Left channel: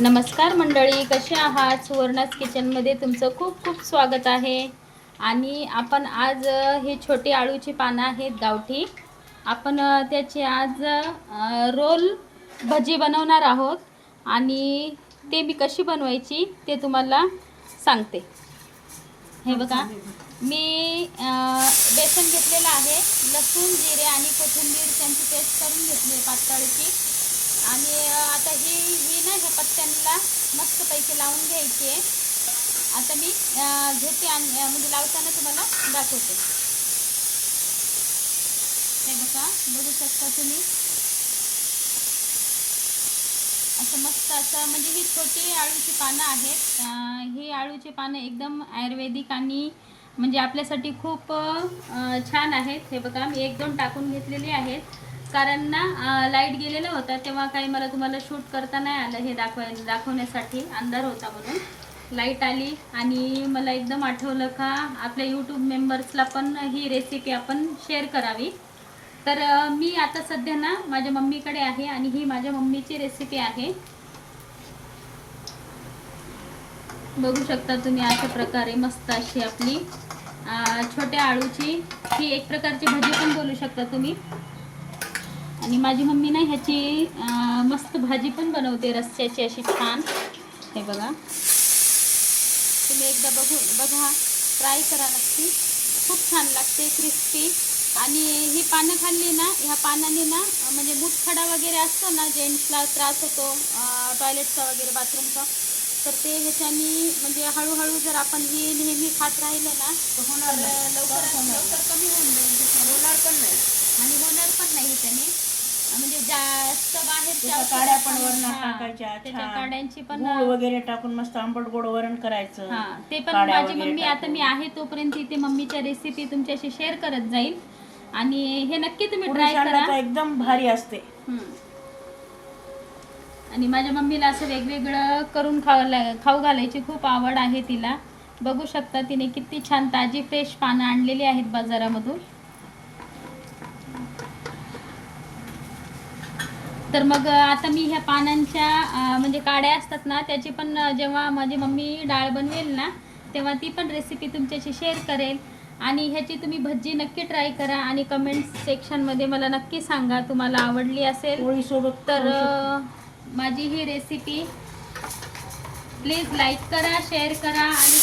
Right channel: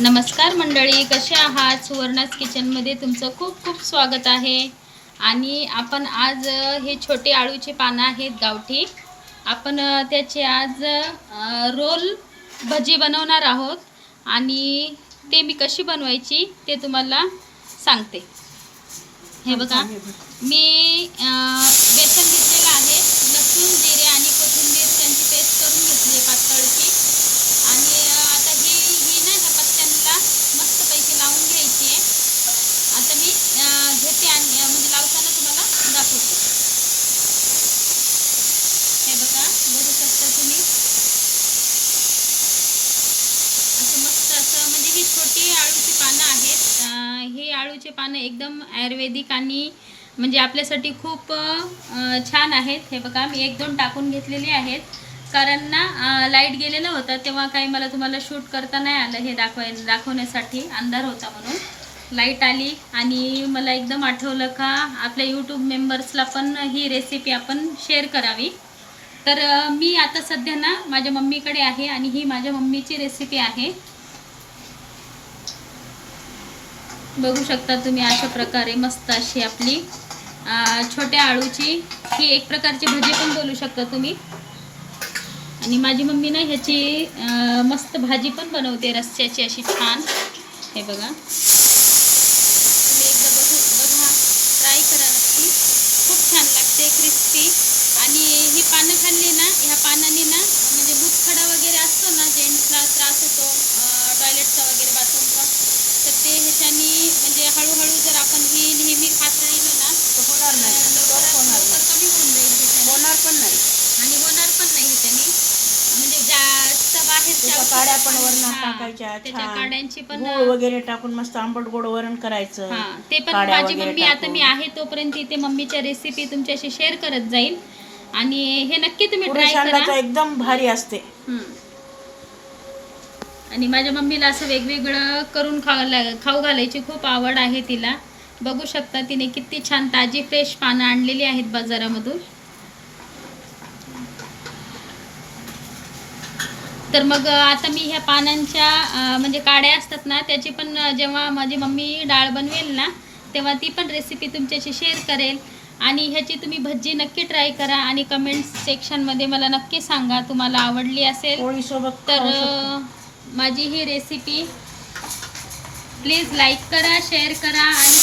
नमस्कार मंडळी कसे आहात? सुवर्णास किचनमध्ये तुमचं खूप खूप स्वागत आहे. आणि आपण आज हे छोटे आळूचे पानं आहेत गावठी. आपण त्याचे आज रोल भजी बनवणार आहोत. आणि ते मी कशी बनवायची ते तुम्हाला सांगते. हे बघा मी अ, बेसन घेतलेलं आहे लसूण जिरे आणि कोथिंबीर त्यांची पेस्ट करून घेतली पातळची आणि अ, आता ही ही ना ह्या पत्त्यांना मस्तपैकी लावून घ्यायची. आहे आता मी घेते आणि म्हणजे लावताना तुम्हाला दाखवते. हे बघा बघू शकता तुम्ही. असं मस्त असं म्हणजे ही छोटी आळूची पानं आहेत. हे ही पानं एकदम आयुर्वेदिक आणि म्हणजे आपल्यासाठी खूप छान आहेत. हे बघा मी एक दोन टाकून घेतलेली आहेत. कारण ना लाइट गेलेला होता तेव्हा काही मला तुम्हाला शूट करता नाही आलं हे दाखवाय दाखवण्यासाठी. अंधार होता म्हणून. लाइट आली आणि मला एकदम आठवलं का आपल्या यूट्यूब मेंबर्सला पण ही रेसिपी आपण शेअर करावी. तर मी आता सध्या ना माझ्या मम्मीकडे आहे आणि ही माझ्या मम्मीची रेसिपी आहे. बघू शकता तुम्ही अशा प्रकारे मस्त अशी आपली छोट्या आळूची ही एक प्रकारची भजी पण बोलू शकता तुम्ही. आणि माझी मम्मी ना ह्याची मस्त भाजी पण बनवते रस्स्याची अशी छान. हे बघा. तुम्ही एकदा बघू बघा. ट्राय करा नक्की. खूप छान लागते क्रिस्पी आणि ही पानं खाल्ली ना ह्या पानांनी ना म्हणजे मुतखडा वगैरे असतो ना जेंट्सला त्रास होतो टॉयलेटचा वगैरे बाथरूमचा तर ते ह्याच्यानी म्हणजे हळूहळू जर आपण ही नेहमी खात राहिलो ना तर लवकरात लवकर कमी होऊन जाईल. होणार पण नाही. आणि होणार पण नाही त्याने म्हणजे जास्त बाहेरच्या त्याच्या काड्या पण वरणात हा, टाकायच्या त्याच्या छान. काड्यांची पण गूळ वगैरे टाकून मस्त आंबट गोड वरण करायचं हा ते पण काड्या माझी वगैरे मम्मी आता टाकून. मी आहे तोपर्यंत इथे मम्मीच्या रेसिपी तुमच्याशी शेअर करत जाईल आणि हे नक्की तुम्ही पुरी ट्राय करा एकदम भारी असते हम्म. आणि माझ्या मम्मीला असं वेगवेगळं करून खायला खाऊ घालायची खूप आवड आहे तिला बघू शकता तिने किती छान ताजी फ्रेश पानं आणलेली आहेत बाजारामधून तर मग आता मी ह्या पानांच्या म्हणजे काड्या असतात ना त्याची पण जेव्हा माझी मम्मी डाळ बनवेल ना तेव्हा ती पण रेसिपी तुमच्याशी शेअर करेल. आणि ह्याची तुम्ही भज्जी नक्की ट्राय करा आणि कमेंट सेक्शनमध्ये मला नक्की सांगा तुम्हाला आवडली असेल. तर माझी ही रेसिपी प्लीज लाईक करा शेअर करा आणि